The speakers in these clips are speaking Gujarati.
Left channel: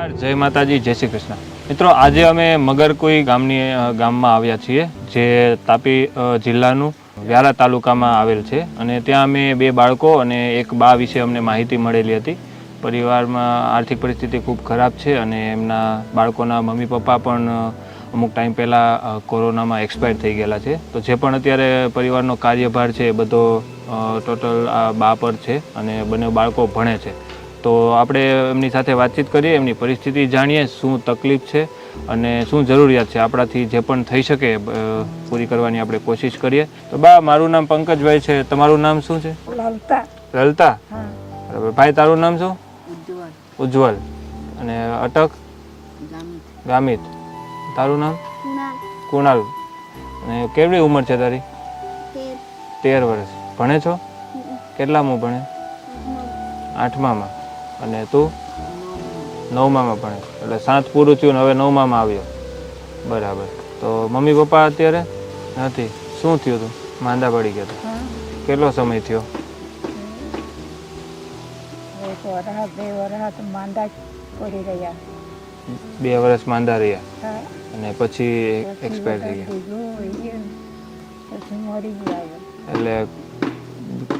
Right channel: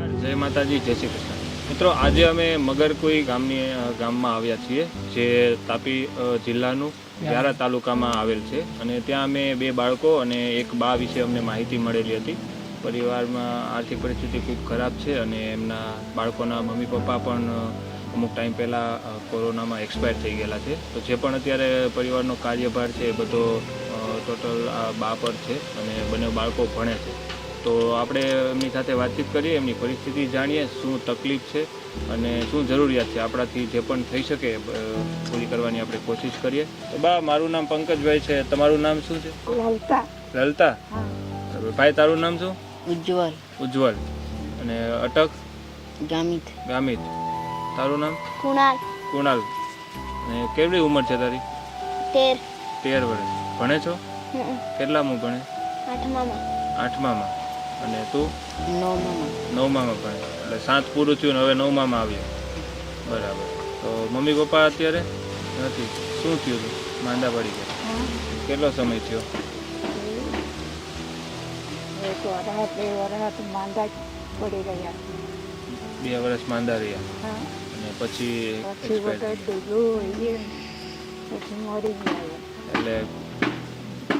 નમસ્કાર, જય માતાજી, જય શ્રી કૃષ્ણ. મિત્રો, આજે અમે મગરકુઈ ગામમાં આવ્યા છીએ, જે તાપી જિલ્લાનું વ્યારા તાલુકામાં આવેલ છે. અને ત્યાં અમે 2 બાળકો અને એક બા વિશે અમને માહિતી મળેલી હતી. પરિવારમાં આર્થિક પરિસ્થિતિ ખૂબ ખરાબ છે અને એમના બાળકોના મમ્મી પપ્પા પણ અમુક ટાઈમ પહેલાં કોરોનામાં એક્સપાયર થઈ ગયેલા છે. તો જે પણ અત્યારે પરિવારનો કાર્યભાર છે એ બધો ટોટલ આ બા પર છે અને બંને બાળકો ભણે છે. તો આપણે એમની સાથે વાતચીત કરીએ, એમની પરિસ્થિતિ જાણીએ, શું તકલીફ છે અને શું જરૂરિયાત છે. આપણાથી જે પણ થઈ શકે પૂરી કરવાની આપણે કોશિશ કરીએ. તો બા, મારું નામ પંકજભાઈ છે. તમારું નામ શું છે? લલતા. લલતા? બરાબર. ભાઈ, તારું નામ શું? ઉજ્જવલ. ઉજ્જવલ. અને અટક? ગામિત. ગામિત. તારું નામ? કુણાલ. કુણાલ. અને કેવડી ઉંમર છે તારી? 13 વર્ષ. ભણે છો? કેટલામું ભણે? 8મામાં. અને તું? 9મામાં ભણે. એટલે 7 પૂરું થયું ને હવે 9મામાં આવ્યો. બરાબર. તો મમ્મી પપ્પા અત્યારે નથી? શું થયું હતું? માંદા પડી ગયા? કેટલો સમય થયો? 2 વર્ષ માંદા પડી રહ્યા. 2 વર્ષ માંદા રહ્યા અને પછી એક્સપાયર થઈ ગયા. પછી મરી ગયા. એટલે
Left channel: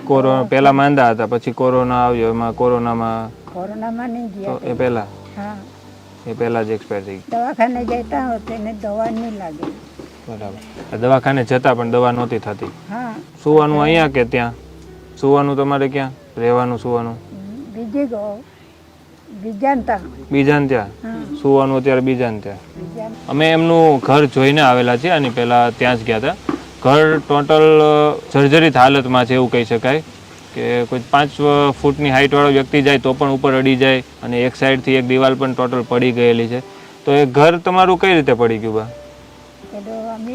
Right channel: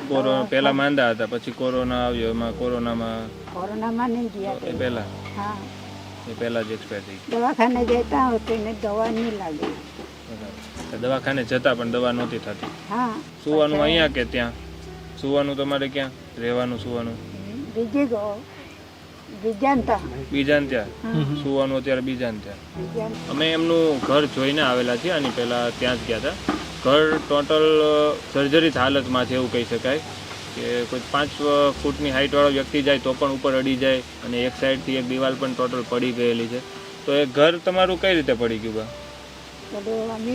કોરોના પહેલા માંદા હતા, પછી કોરોના આવ્યો. એમાં કોરોનામાં નહીં ગયા. એ પહેલા? હા, એ પહેલા જ એક્સપાયર થઈ ગયા. દવાખાને જતા હોતે ને દવા નહીં લાગી. બરાબર. દવાખાને જતા પણ દવા નહોતી થતી. હા. સુવાનું અહીંયા કે ત્યાં? સુવાનું તમારે ક્યાં? રહેવાનું સુવાનું? બીજાને ત્યાં સુવાનું? અત્યારે બીજાને ત્યાં. અમે એમનું ઘર જોઈને આવેલા છીએ. આની પહેલા ત્યાં જ ગયા હતા. ઘર ટોટલ સર્જરિત હાલતમાં છે એવું કહી શકાય. કે કોઈ 5 ફૂટની હાઇટવાળો વ્યક્તિ જાય તો પણ ઉપર અડી જાય અને એક સાઈડથી એક દિવાલ પણ ટોટલ પડી ગયેલી છે. તો એ ઘર તમારું કઈ રીતે પડી ગયું બા? અમે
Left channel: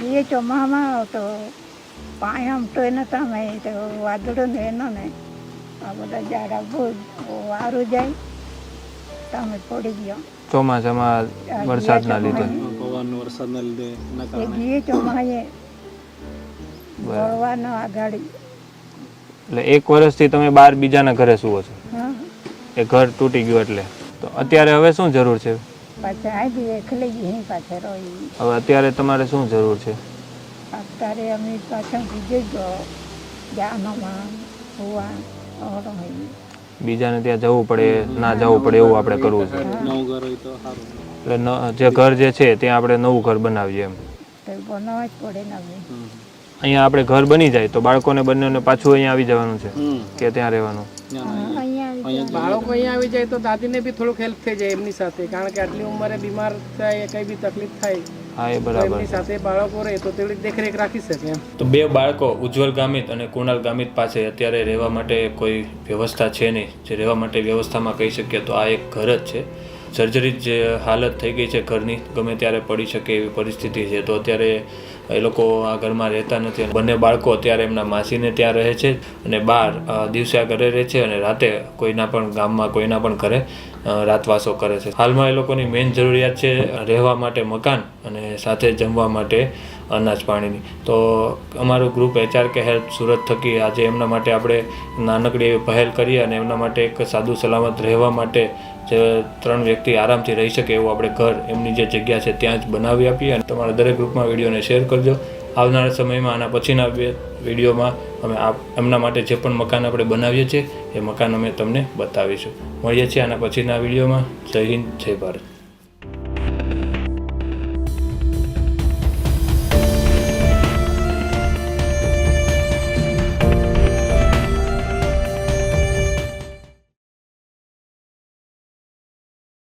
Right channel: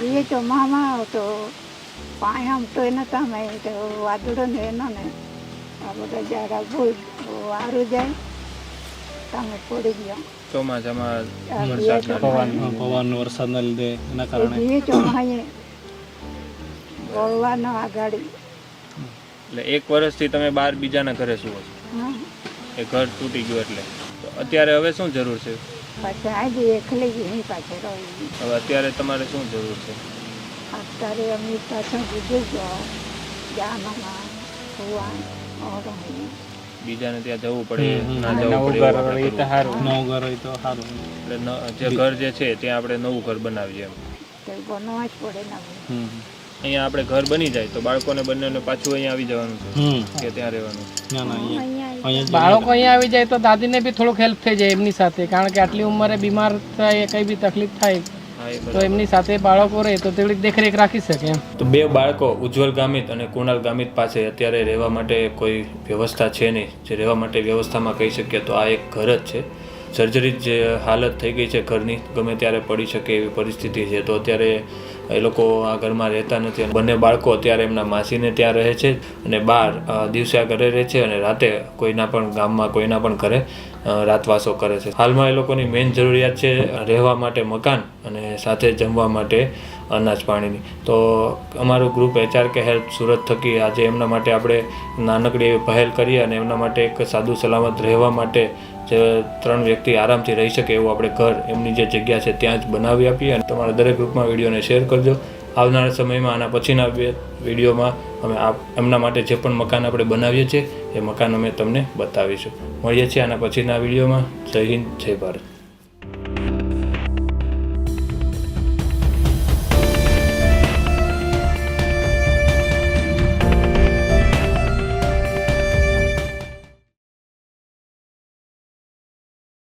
જઈએ ચોમામાં તો પાણી આમ તો એને તમે વાદળો ને એનો ને આ બધા ઝાડા બહુ વારો જાય તમે પડી ગયો ચોમાસામાં વરસાદના લીધે. જઈએ ચોમાએ વળવાનો આગાડી. એટલે 1 વર્ષથી તમે બહાર બીજાના ઘરે સુવો છો? હા. એ ઘર તૂટી ગયું એટલે. તો અત્યારે હવે શું જરૂર છે? પાછા આવી એકલી જ નહીં પાછા રહી. હવે અત્યારે તમારે શું જરૂર છે? અત્યારે અમે પાછા કીધું તો જાનમાં સુવા બીજાને ત્યાં જવું પડે, ના જવું પડે એવું આપણે કરવું. એટલે જે ઘર જે છે ત્યાં આપણે નવું ઘર બનાવીએ એમ. બનાવવા જ પડે ને આપણે. અહીંયા આપણે ઘર બની જાય તો બાળકોને બંનેને પાછું અહીંયા આવી જવાનું છે કે ત્યાં રહેવાનું? બાળકો અહીંયા આવી જાય તો દાદીને બી થોડુંક હેલ્પ થઈ જાય એમની સાથે, કારણ કે આટલી ઉંમરે બીમાર થાય, કઈ બી તકલીફ થાય તો એમની સાથે બાળકો રહે તો થોડીક દેખરેખ રાખી શકે એમ. તો 2 બાળકો ઉજ્જવલ ગામિત અને કુણાલ ગામિત પાસે અત્યારે રહેવા માટે કોઈ વ્યવસ્થા છે નહીં. જે રહેવા માટે વ્યવસ્થામાં કહી શકીએ તો આ એક ઘર જ છે. સર્જરી જે હાલત થઈ ગઈ છે ઘરની, ગમે ત્યારે પડી શકે એવી પરિસ્થિતિ છે. તો અત્યારે એ લોકો આ ઘરમાં રહેતા નથી. બંને બાળકો અત્યારે એમના માસીને ત્યાં રહે છે અને બહાર દિવસે આ ઘરે રહે છે અને રાતે કોઈના પણ ગામમાં કોઈના પણ ઘરે રાતવાસો કરે છે. હાલમાં એ લોકોની મેઇન જરૂરિયાત છે રહેવા માટે મકાન અને સાથે જમવા માટે અનાજ પાણીની. તો અમારું ગ્રુપ HRK હેલ્પ સુરત થકી આજે એમના માટે આપણે નાનકડી એવી પહેલ કરીએ અને એમના માટે એક સાદું સલામત રહેવા માટે જે 3 વ્યક્તિ આરામથી રહી શકે એવું આપણે ઘર એમની જે જગ્યા છે ત્યાં જ બનાવી આપીએ. અને તમારા દરેક ગ્રુપમાં વિડીયોને શેર કરજો. આવનારા સમયમાં આના પછીના વિડીયોમાં અમે એમના માટે જે પણ મકાન આપણે બનાવીએ છીએ એ મકાન અમે તમને બતાવીશું. મળીએ છીએ આના પછીના વિડીયોમાં. જય હિન્દ, જય ભારત.